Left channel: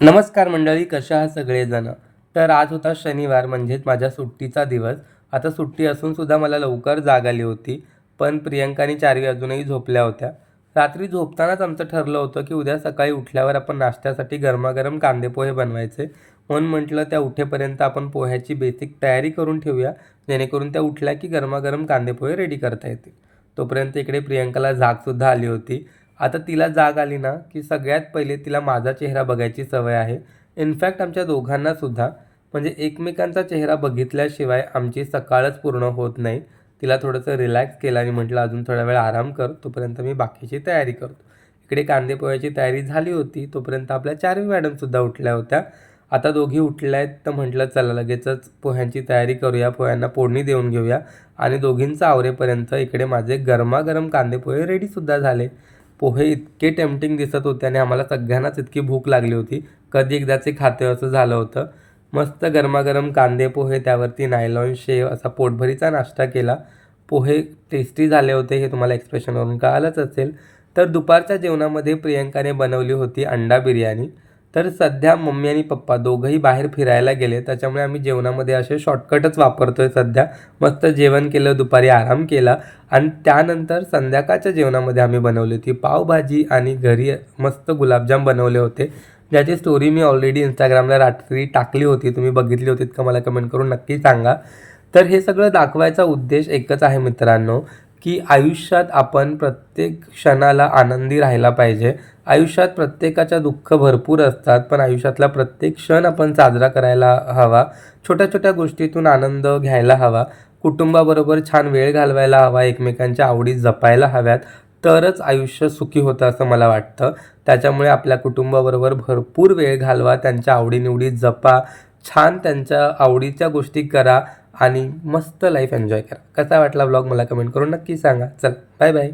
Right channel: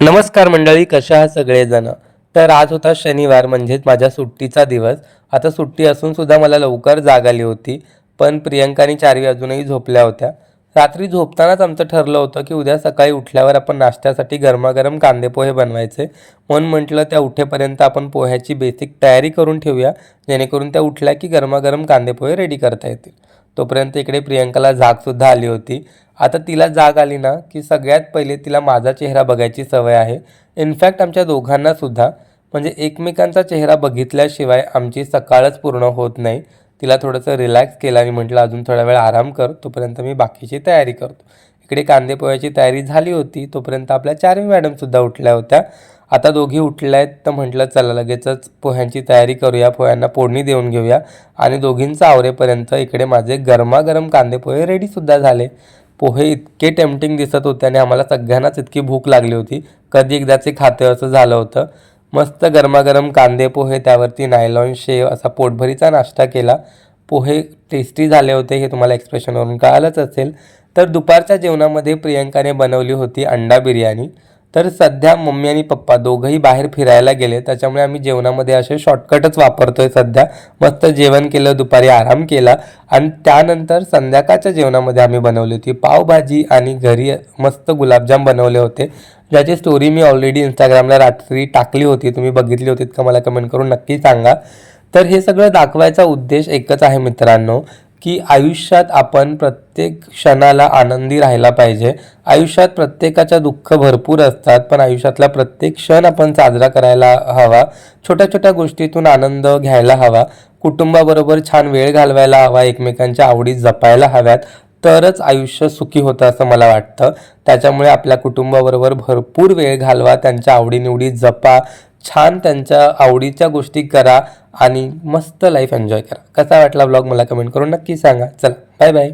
नमस्कार मंडळी, कशा आहात सगळेजण. तर आज होता शनिवार, म्हणजेच माझ्या सुट्टीचा दिवस. आता सुट्टी असून सुद्धा मला लवकर जाग आली होती. पण प्रियंका आणि चार्वी अजूनही झोपल्या होत्या. रात्री झोपतानाच आमचं ठरलं होतं की उद्या सकाळी उठल्यावर आपण नाश्त्यासाठी गरमागरम कांदे पोहे बनवायचे. म्हणून म्हटलं त्या उठेपर्यंत आपण पोह्याची बेसिक तयारी करून ठेवूया, जेणेकरून त्या उठल्या की गरमागरम कांदे पोहे रेडी करता येतील. तोपर्यंत इकडे प्रियंकाला जागसुद्धा आली होती. आता तिला जाग आली ना, की सगळ्यात पहिले तिला माझा चेहरा बघायची सवय आहे. इनफॅक्ट आमच्या दोघांनासुद्धा, म्हणजे एकमेकांचा चेहरा बघितल्याशिवाय आमची सकाळच पूर्ण होत नाही. तिला थोडंसं रिलॅक्स केलं आणि म्हटलं अजून थोडा वेळ आराम कर, तोपर्यंत मी बाकीची तयारी करतो. इकडे कांदे पोह्याची तयारी झाली होती, तोपर्यंत आपल्या चार्वी मॅडमसुद्धा उठल्या होत्या. आता दोघी उठल्या आहेत, तर म्हटलं चला लगेचच पोह्यांची तयारी करूया, पोह्यांना फोडणी देऊन घेऊया. आणि दोघींचं आवरेपर्यंत इकडे माझे गरमागरम कांदे पोहे रेडीसुद्धा झाले. पोहे इतके टेम्पटिंग दिसत होते आणि आम्हाला सगळ्यांनाच इतकी भूक लागली होती, कधी एकदाचे खातं असं झालं होतं. मस्त गरमागरम कांदे पोहे, त्यावरती नायलॉन शेव, असा पोटभरीचा नाश्ता केला. पोहे टेस्टी झाले होते हे तुम्हाला एक्सप्रेशनवरून कळालंच असेल. तर दुपारच्या जेवणामध्ये प्रियंकाने बनवली होती अंडा बिर्याणी. तर सध्या मम्मी आणि पप्पा दोघंही बाहेर फिरायला गेले, त्याच्यामुळे आम्ही जेवणामध्ये असे शॉर्टकटच वापरतोय सध्या. मस्त जेवण केलं, दुपारी आराम केला आणि त्यानंतर संध्याकाळच्या जेवणामध्ये आम्ही बनवली होती पावभाजी आणि घरी मस्त गुलाबजाम बनवले होते, ज्याची स्टोरी मी ऑलरेडी इंस्टाग्रामला रात्री टाकली होती. तुम्ही बघितली होतीत का मला कमेंट करून नक्की सांगा. तर हे सगळं दाखवायचा उद्देश एकच आहे मित्रांनो, की आयुष्यात आपण प्रत्येक क्षणाला आनंदी राहायला पाहिजे. आयुष्यात प्रत्येकाच्या दुःख भरपूर असतात, पण आयुष्यातला प्रत्येक क्षण आपण साजरा करायला हवा. छोट्या छोट्या गोष्टीतून आनंद घ्यायला हवा. कुटुंबाबरोबर छान वेळ घालवायला हवा, एकमेकांच्या आवडी जपायला हव्यात, तरच आयुष्य सुखी होतं असं मला वाटतं. त्याच्यामुळे आपल्या कुटुंबाबरोबर भरपूर वेळ घालवा, त्यांच्या आवडीनिवडी जपा, छान त्यांच्या आवडीच्या गोष्टी करा आणि मस्त लाईफ एन्जॉय करा. कसा वाटला व्लॉग मला कमेंट करून नक्की सांगा. चला, बाय बाय.